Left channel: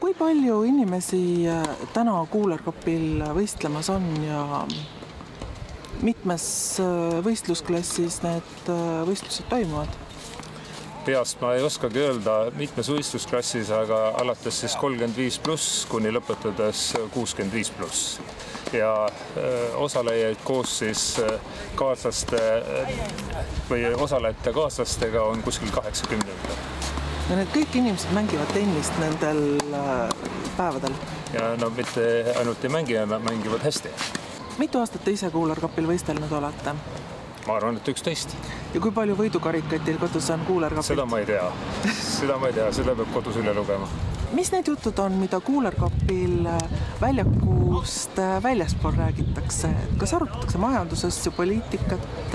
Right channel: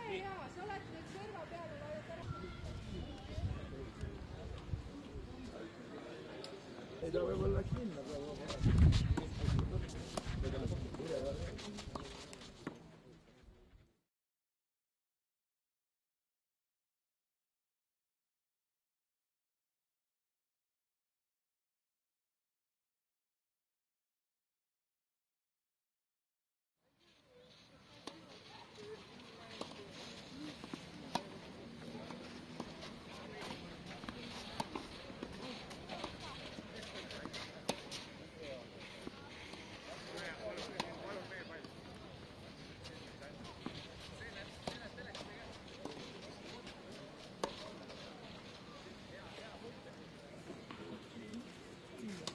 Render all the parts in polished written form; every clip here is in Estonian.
Kui palju inimesi täna Cooler Cupil võistlemas on ja mitmes võistlusklassis need võistlused toimuvad? Peast ma ei oskagi öelda mitmes võistlusklassis, aga alates siis 35+ kuni lõpetades 65+. Ja osalejaid koos siis kaaslaste või osalejate kaaslastega on kuskil 80. Ja need kõik inimesed mängivad tennist nendel päevadel? Ja no mitte ainult ei mängi, nad mängivad hästi. Mitu aastat te ise Cooler Cupil võistelnud olete? Ma arvan, et 11. Ja kui palju võidukarikaid teil kodus on Cooler Cupilt? Seda ma ei tea. Seda peab kodus üle lugema. Mis need jutud on, mida Cooler Cupil väljakust väljaspool räägitakse? Kas arutatakse majandusasju, poliitikat,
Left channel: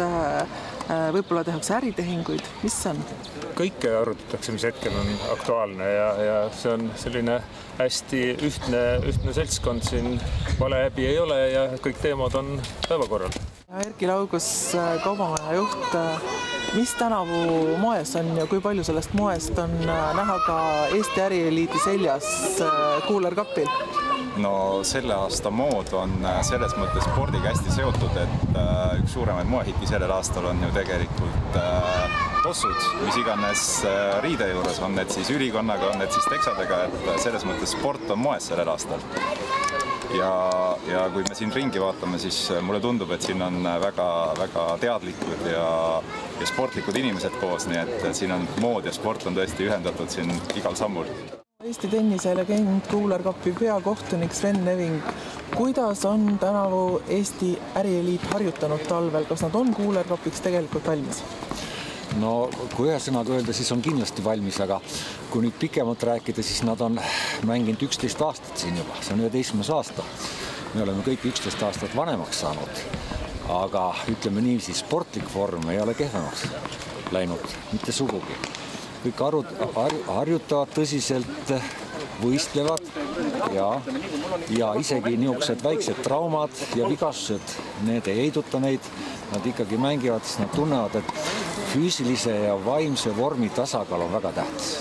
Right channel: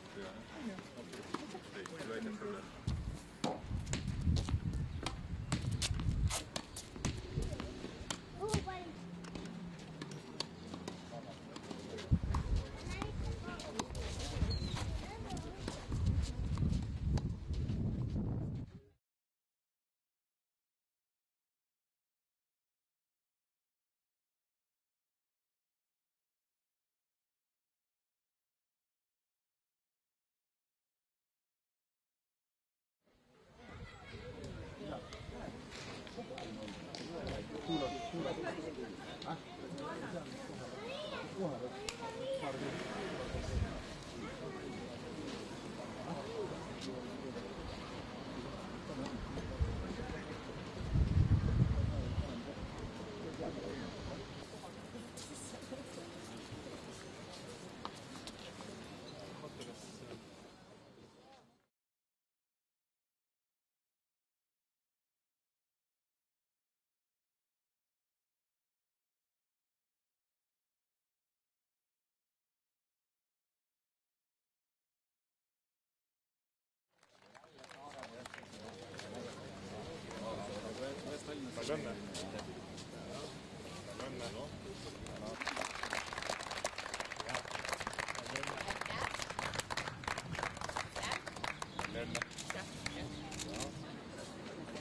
võib-olla tehakse äritehinguid? Mis see on? Kõike arutatakse, mis hetkel on aktuaalne ja see on selline hästi ühtne seltskond siin. Vale häbi ei ole ja kõik teemad on päevakorral. Erki Laugus, kaubamaja juht, mis tänavu moes on ja kui palju sellest moest on näha ka Eesti ärieliidi seljas Cooler Cupil? No selle aasta mood on selles mõttes spordiga hästi seotud, et üks suuremaid moehitti sellel aastal on ju tegelikult tossud, mis iganes riide juures on, et siis ülikonnaga, on need siis teksadega, et selles mõttes sport on moes sellel aastal. Ja kui me siin ringi vaatame, siis mulle tundub, et siin on väga teadlikud ja sportlikud inimesed koos, nii et siin on mood ja sport on tõesti ühendatud siin igal sammul. Eesti tennise legend Cooler Cupi peakohtunik Sven Neving. Kuidas on tänavu Eesti ärieliit harjutanud talvel? Kas nad on Cooler Cupiks tegelikult valmis? No kui ühe sõnaga öelda, siis on kindlasti valmis, aga kui nüüd pikemalt rääkida, siis nad on mänginud 11 aastat siin juba. See on 11. aasta. Me oleme kõik 11 aastat vanemaks saanud, aga ütleme niiviisi, sportlik vorm ei ole kehvemaks läinud, mitte sugugi. Kõik harjutavad tõsiselt, võistlevad ja isegi niisugused väiksed traumad ja vigastused, need ei heiduta neid, nad ikkagi mängivad, siis nad tunnevad, et füüsilise ja vaimse vormi tasakaal on väga tähtis.